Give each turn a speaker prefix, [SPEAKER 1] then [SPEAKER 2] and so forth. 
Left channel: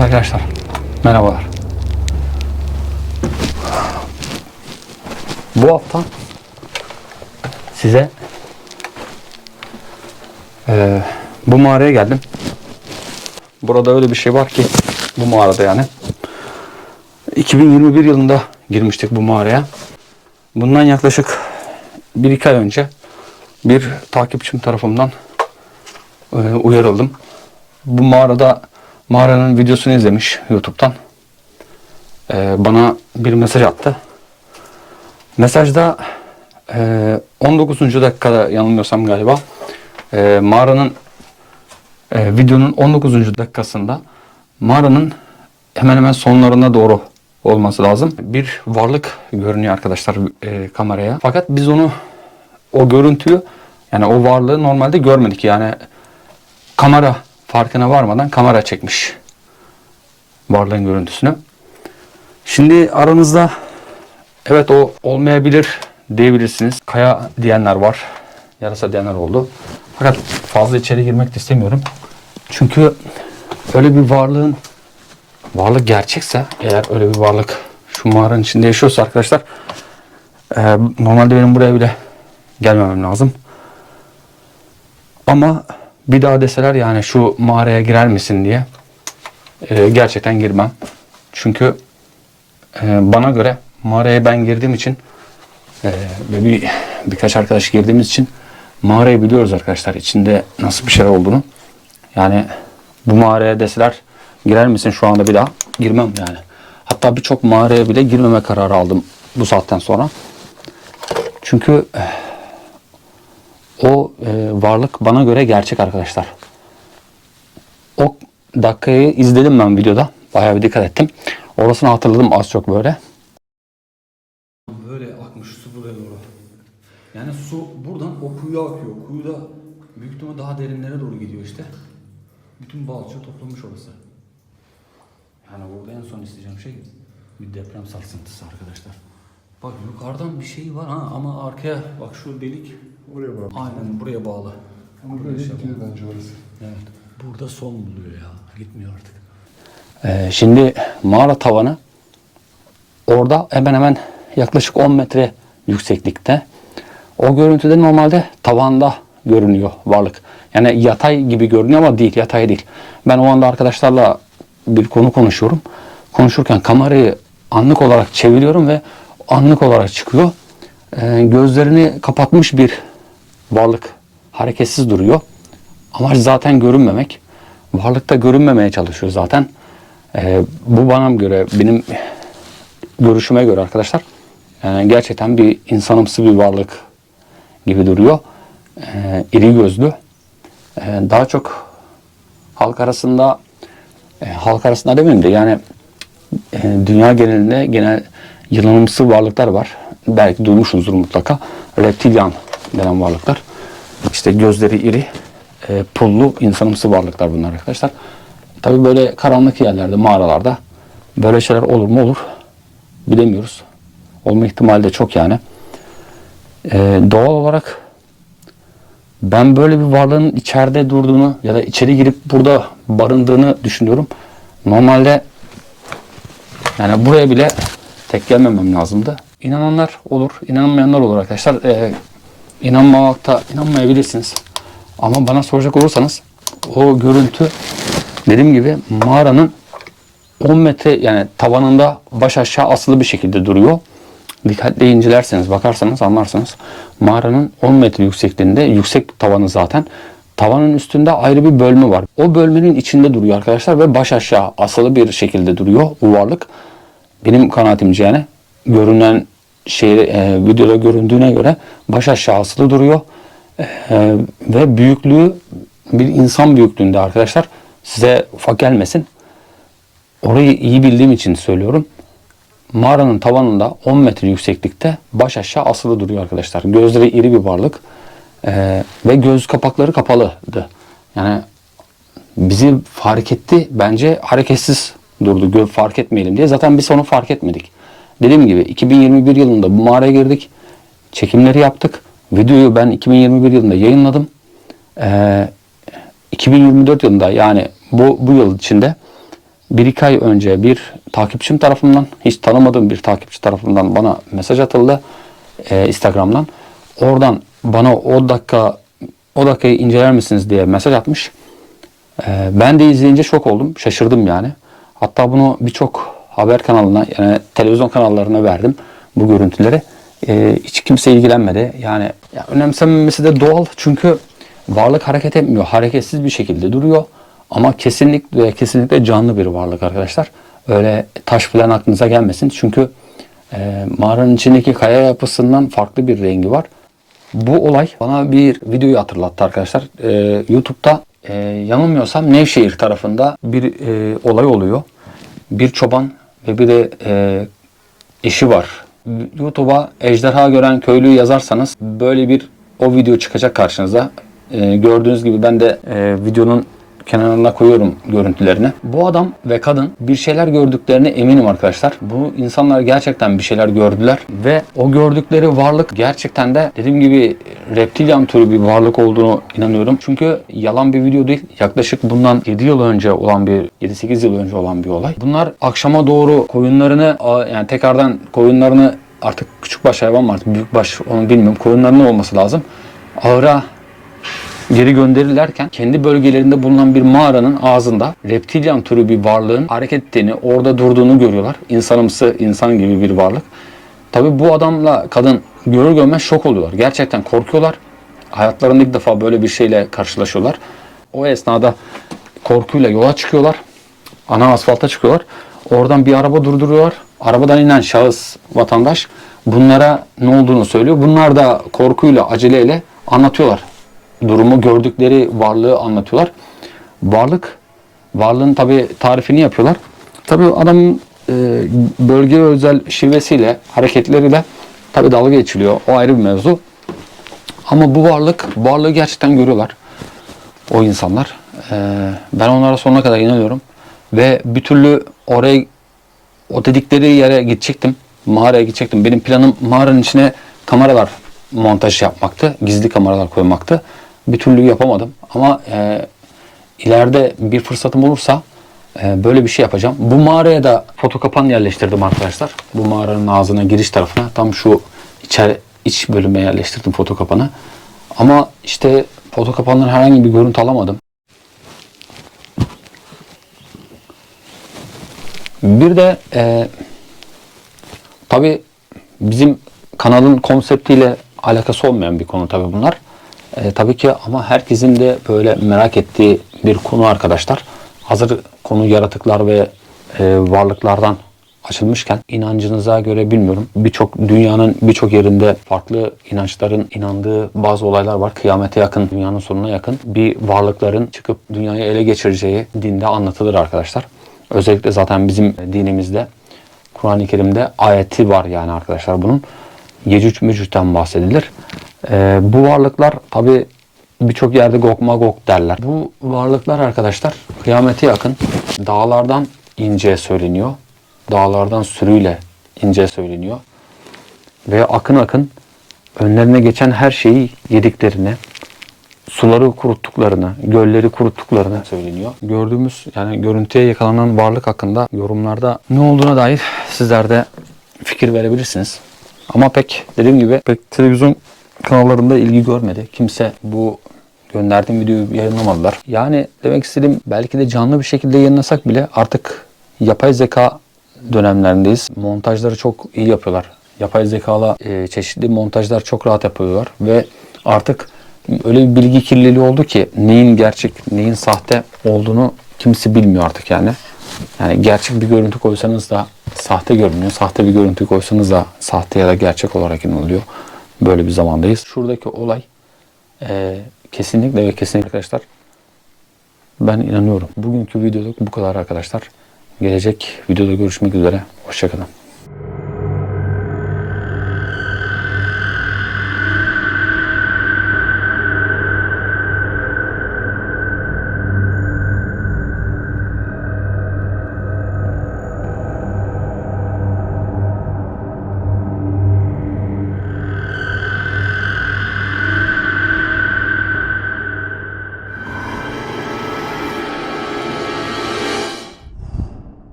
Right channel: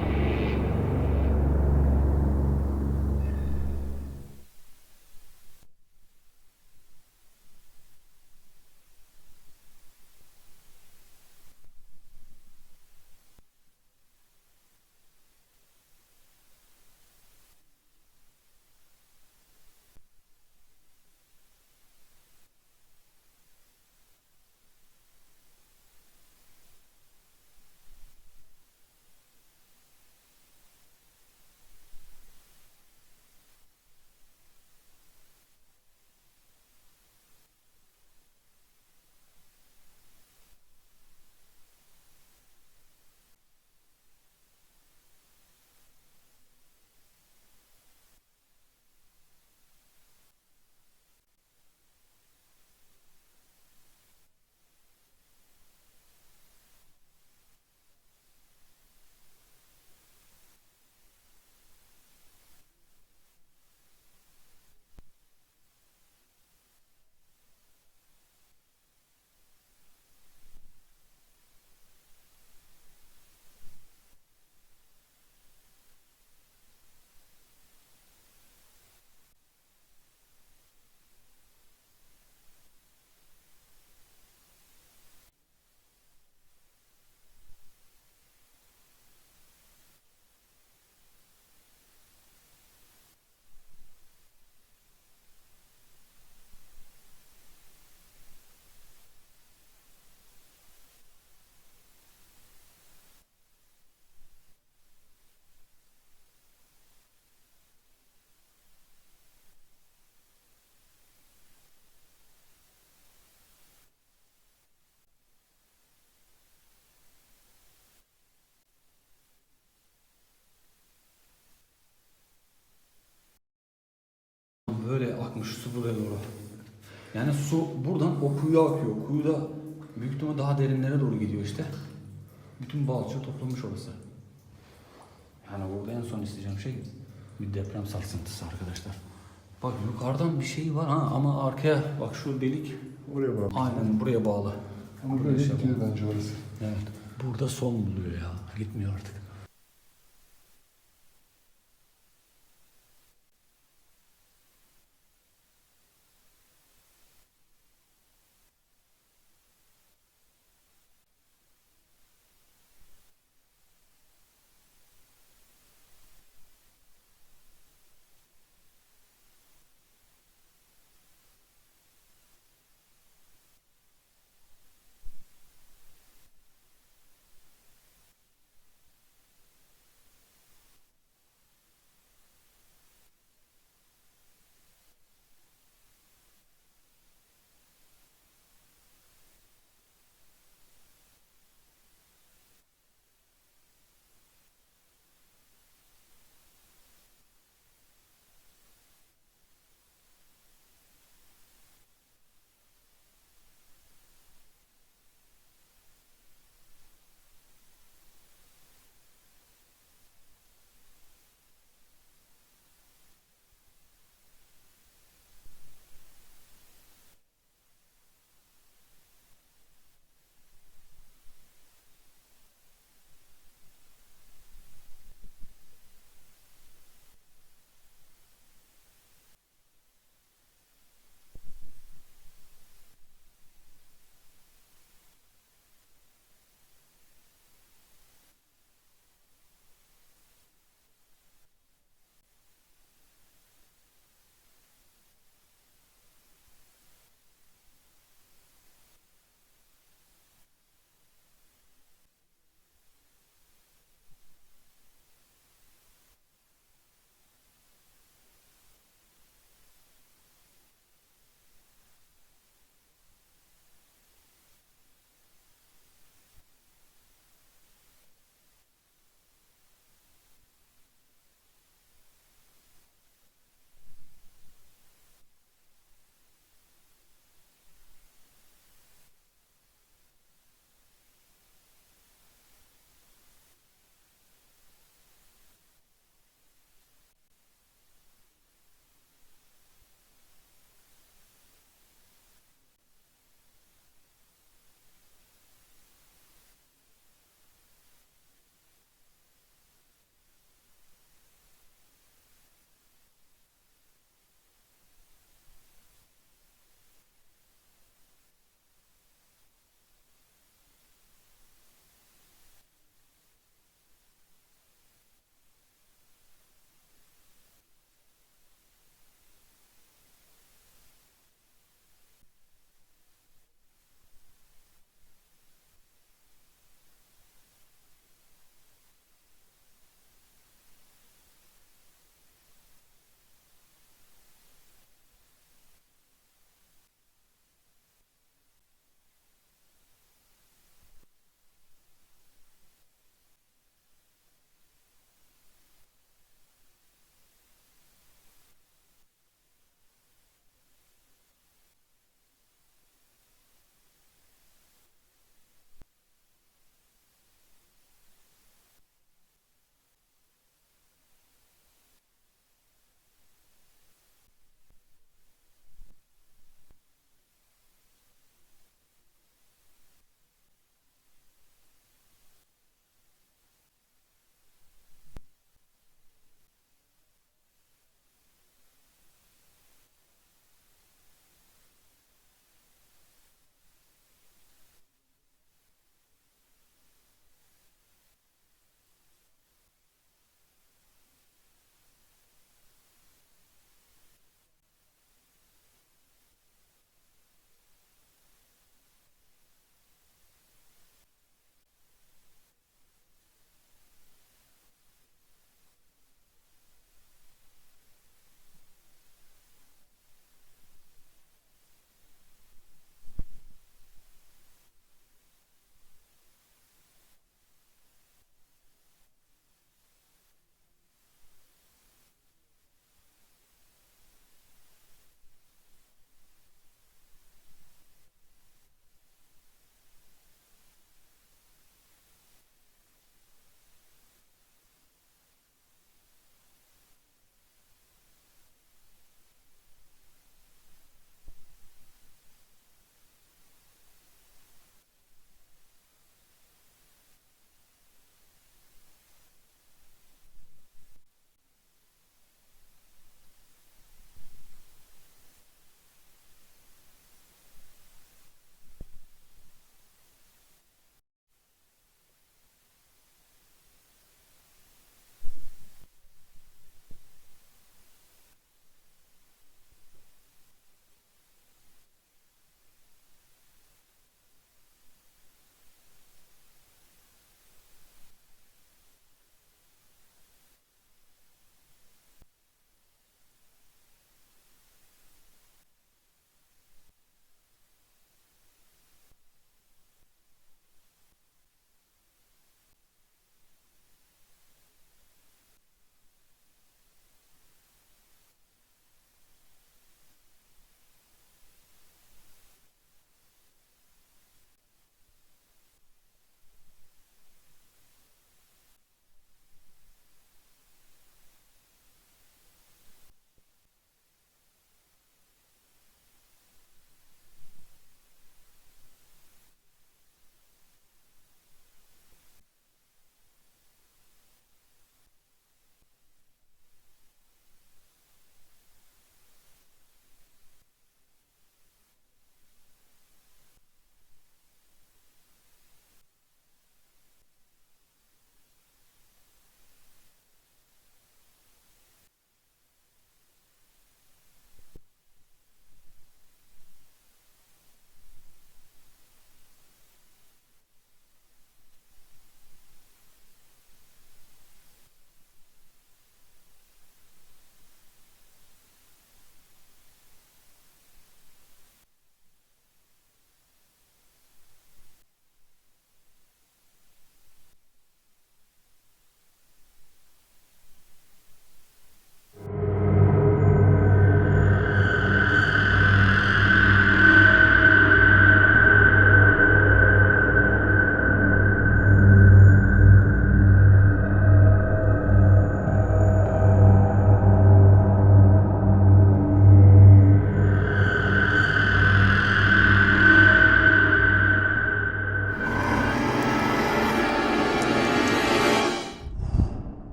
[SPEAKER 1] Evet arkadaşlar. Merhabalar. Bu hafta size eee, bu mağaraya geldim. Burada öyle bir şey var ki bu mağarada yani. 2021 yılında girmiştik bu mağaraya. Bundan yaklaşık 1-2 ay önce bir takipçim tarafından e, uyarıldım. Bu mağarada mağaranın videosunu izlemiş YouTube'dan. E, bana bir mesaj attı. Mesajda e, 19. dakikada yanılmıyorsam galiba e, mağaranın e, videonun 19. dakikasında mağaranın hemen hemen sonlarına doğru olması lazım. Bir varlık görünüyor arkadaşlar e, kameraya. Fakat biz onu o görüntüyü yani o varlığı normalde görmedik. Yani kamera farkına varmadan kamera çekmiş varlığın görüntüsünü. Şimdi aranızda evet o olmayabilir diyebilirsiniz. Kaya diyenler var. Yarasa diyenler oldu. Fakat fazla içeri girmek de istemiyorum. Çünkü öyle bir varlığın varlık gerçekse eğer öyle bir varlık şu mağaranın içinde yaşıyorsa arkadaşlar e, normalde benim buraya bile gelmemem lazım. Ama bir daha deseler yani şu mağaraya girer misin diye e, gerçekten girmem. Çünkü e, bana göre mağaraya ben girdiğim için e, ve bir birkaç arkadaş girdiğimiz için mağarayı biliyoruz arkadaşlar. içinde nasıl bir şeyler olduğunu. Yani bu mağaraya deseler girer misin şu anda bir daha girmem yani. Hatta birçok mağaraya bile girmeme kararı aldım bu saatten sonra. Çünkü eh, o e, varlık bana göre gerçek arkadaşlar. O dakikayı izledim ben videoda. Bayağı bir dikkat ettim. Orasını hatırladım az çok böyle. Böyle akmış su buraya doğru. Yani su buradan o kuyuya akıyor. Kuyuda büyük ihtimalle daha derinlere doğru gidiyor işte. Bütün balçığı toplamış orası. Yani burada en son isteyeceğim şey bir deprem sarsıntısı arkadaşlar. Bak yukarıdan bir şey var ha ama arkaya bak şu delik
[SPEAKER 2] Oraya bak.
[SPEAKER 1] aynen buraya bağlı.
[SPEAKER 2] Ama böyle gidiyor bence orası.
[SPEAKER 1] Evet. Burada son buluyor ya. Gitmiyor artık. Ee, şimdi mağara tavanı orada hemen hemen yaklaşık 10 metre yükseklikte. O görüntüde normalde tavanda görünüyor varlık. Yani yatay gibi görünüyor ama değil, yatay değil. Ben o anda arkadaşlarla bir konu konuşuyorum. Konuşurken kamerayı anlık olarak çeviriyorum ve anlık olarak çıkıyor. Ee, gözlerini kapatmış bir varlık hareketsiz duruyor. Amaç zaten görünmemek. Varlık da görünmemeye çalışıyor zaten. Ee, bu bana göre, benim görüşüme göre arkadaşlar yani gerçekten bir insanımsı bir varlık gibi duruyor. Ee, iri gözlü. Ee, daha çok halk arasında e, halk arasında demeyeyim de yani e, dünya genelinde genel yılanımsı varlıklar var. Belki duymuşsunuzdur mutlaka. Reptilyan denen varlıklar. İşte gözleri iri, e, pullu, insanımsı varlıklar bunlar arkadaşlar. Tabii böyle karanlık yerlerde, mağaralarda böyle şeyler olur mu olur bilemiyoruz. Olma ihtimali de çok yani. E, doğal olarak ben böyle bir varlığın içeride durduğunu ya da içeri girip burada barındığını düşünüyorum. Normalde yani buraya bile tek gelmemem lazımdı. İnananlar olur, inanmayanlar olur arkadaşlar. Ee, inanmamakta inanmayabilirsiniz. Ama bana soracak olursanız o görüntü dediğim gibi mağaranın 10 metre yani tavanında baş aşağı asılı bir şekilde duruyor. Dikkatli incelerseniz bakarsanız anlarsınız. Mağaranın 10 metre yüksekliğinde yüksek tavanı zaten. Tavanın üstünde ayrı bir bölme var. O bölmenin içinde duruyor arkadaşlar ve baş aşağı asılı bir şekilde duruyor bu varlık. Benim kanaatimce yani görünen şey e, videoda göründüğüne göre baş aşağı asılı duruyor. E, ve büyüklüğü bir insan büyüklüğünde arkadaşlar. Size ufak gelmesin. Orayı iyi bildiğim için söylüyorum. Mağaranın tavanında 10 metre yükseklikte baş aşağı asılı duruyor arkadaşlar. Gözleri iri bir varlık. Ee, ve göz kapakları kapalıydı. Yani bizi fark etti. Bence hareketsiz durdu. Gö fark etmeyelim diye. Zaten biz onu fark etmedik. Dediğim gibi 2021 yılında bu mağaraya girdik. Çekimleri yaptık. Videoyu ben 2021 yılında yayınladım. Ee, 2024 yılında yani bu, bu yıl içinde bir iki ay önce bir takipçim tarafından, hiç tanımadığım bir takipçi tarafından bana mesaj atıldı e, Instagram'dan. Oradan bana o dakika o dakikayı inceler misiniz diye mesaj atmış. E, ben de izleyince şok oldum, şaşırdım yani. Hatta bunu birçok haber kanalına, yani televizyon kanallarına verdim bu görüntüleri. E, hiç kimse ilgilenmedi. Yani ya önemsenmemesi de doğal çünkü varlık hareket etmiyor. Hareketsiz bir şekilde duruyor. Ama kesinlikle kesinlikle canlı bir varlık arkadaşlar. Öyle taş falan aklınıza gelmesin. Çünkü e, mağaranın içindeki kaya yapısından farklı bir rengi var. Bu olay bana bir videoyu hatırlattı arkadaşlar. E, YouTube'da e, yanılmıyorsam Nevşehir tarafında bir e, olay oluyor. Bir çoban ve bir de e, eşi var. YouTube'a ejderha gören köylü yazarsanız böyle bir o video çıkacak karşınıza. Ee, gördüğünüz gibi ben de e, videonun kenarına koyuyorum görüntülerini. Bu adam ve kadın bir şeyler gördüklerine eminim arkadaşlar. Bu insanlar gerçekten bir şeyler gördüler ve o gördükleri varlık gerçekten de dediğim gibi reptilyan türü bir varlık olduğunu inanıyorum. Çünkü yalan bir video değil. Yaklaşık bundan 7 yıl önce olan bir 7-8 yıl önce olan bir olay. Bunlar akşama doğru koyunlarını yani tekrardan koyunlarını artık küçük baş hayvan mı artık büyük baş onu bilmiyorum. Koyunlarının olması lazım. Ahıra geri gönderirlerken kendi bölgelerinde bulunan bir mağaranın ağzında reptilyan türü bir varlığın hareket ettiğini, orada durduğunu görüyorlar. İnsanımsı, insan gibi bir varlık. Tabi bu adamla kadın görür görmez şok oluyorlar. Gerçekten korkuyorlar. Hayatlarında ilk defa böyle bir şeyle karşılaşıyorlar. O esnada korkuyla yola çıkıyorlar. Ana asfalta çıkıyorlar. Oradan bir araba durduruyorlar. Arabadan inen şahıs, vatandaş bunlara ne olduğunu söylüyor. Bunlar da korkuyla, aceleyle anlatıyorlar durumu gördükleri varlığı anlatıyorlar. Varlık, varlığın tabi tarifini yapıyorlar. Tabi adamın e, bölgeye özel şivesiyle, hareketleriyle tabi dalga geçiliyor. O ayrı bir mevzu. Ama bu varlık, varlığı gerçekten görüyorlar. O insanlar. E, ben onlara sonuna kadar inanıyorum. Ve bir türlü oraya, o dedikleri yere gidecektim. Mağaraya gidecektim. Benim planım mağaranın içine kameralar montaj yapmaktı. Gizli kameralar koymaktı bir türlü yapamadım. Ama e, ileride bir fırsatım olursa e, böyle bir şey yapacağım. Bu mağaraya da foto kapan yerleştirdim arkadaşlar. Bu mağaranın ağzına giriş tarafına tam şu içeri iç bölüme yerleştirdim foto kapanı. Ama işte foto kapandan herhangi bir görüntü alamadım. Bir de e, tabi bizim kanalın konseptiyle alakası olmayan bir konu tabi bunlar. E, tabii ki ama herkesin de böyle merak ettiği bir konu arkadaşlar. Hazır konu yaratıklar ve e, varlıklardan açılmışken inancınıza göre bilmiyorum. Birçok dünyanın birçok yerinde farklı inançların inandığı bazı olaylar var. Kıyamete yakın, dünyanın sonuna yakın bir varlıkların çıkıp dünyayı ele geçireceği dinde anlatılır arkadaşlar. Özellikle zaten bizim dinimizde Kur'an-ı Kerim'de ayeti var yani arkadaşlar bunun. Yecüc Mecüc'ten bahsedilir. Ee, bu varlıklar tabi birçok yerde Gog Magog derler. Bu varlıklar arkadaşlar kıyamete yakın dağlardan ince söyleniyor. Dağlardan sürüyle ince söyleniyor. Ve akın akın önlerine geçen her şeyi yediklerini, suları kuruttuklarını, gölleri kuruttuklarını söyleniyor. Gördüğümüz yani görüntüye yakalanan varlık hakkında yorumlarda ne olduğuna dair sizler de fikir verebilirsiniz. Ama pek dediğim gibi pek televizyon kanallarında ilgi görmedi. Kimse bu gönderdiğim videoyu yayınlamadılar. Yani demek istediğim belki de canlı bir şekilde yayınlasak bile artık yapay zeka dönemlerindeyiz. Montajları çok iyi yapıyorlar. Yapay zekala e, çeşitli montajlar çok rahat yapıyorlar ve artık öyle bir bilgi kirliliği oldu ki neyin gerçek, neyin sahte olduğunu kimse bilmiyor artık yani. Yani gerçek bir görüntü koysanız da sahte görünüyor. Sahte bir görüntü koysanız da sahte ya da gerçek olarak inanılıyor. Böyle bir zamandayız. Şuradaki olay e, kesinlikle ve kesinlikle arkadaşlar ben inanıyorum. Bugünkü videoluk bu kadar arkadaşlar. Gelecek videoda görüşmek üzere. Hoşçakalın.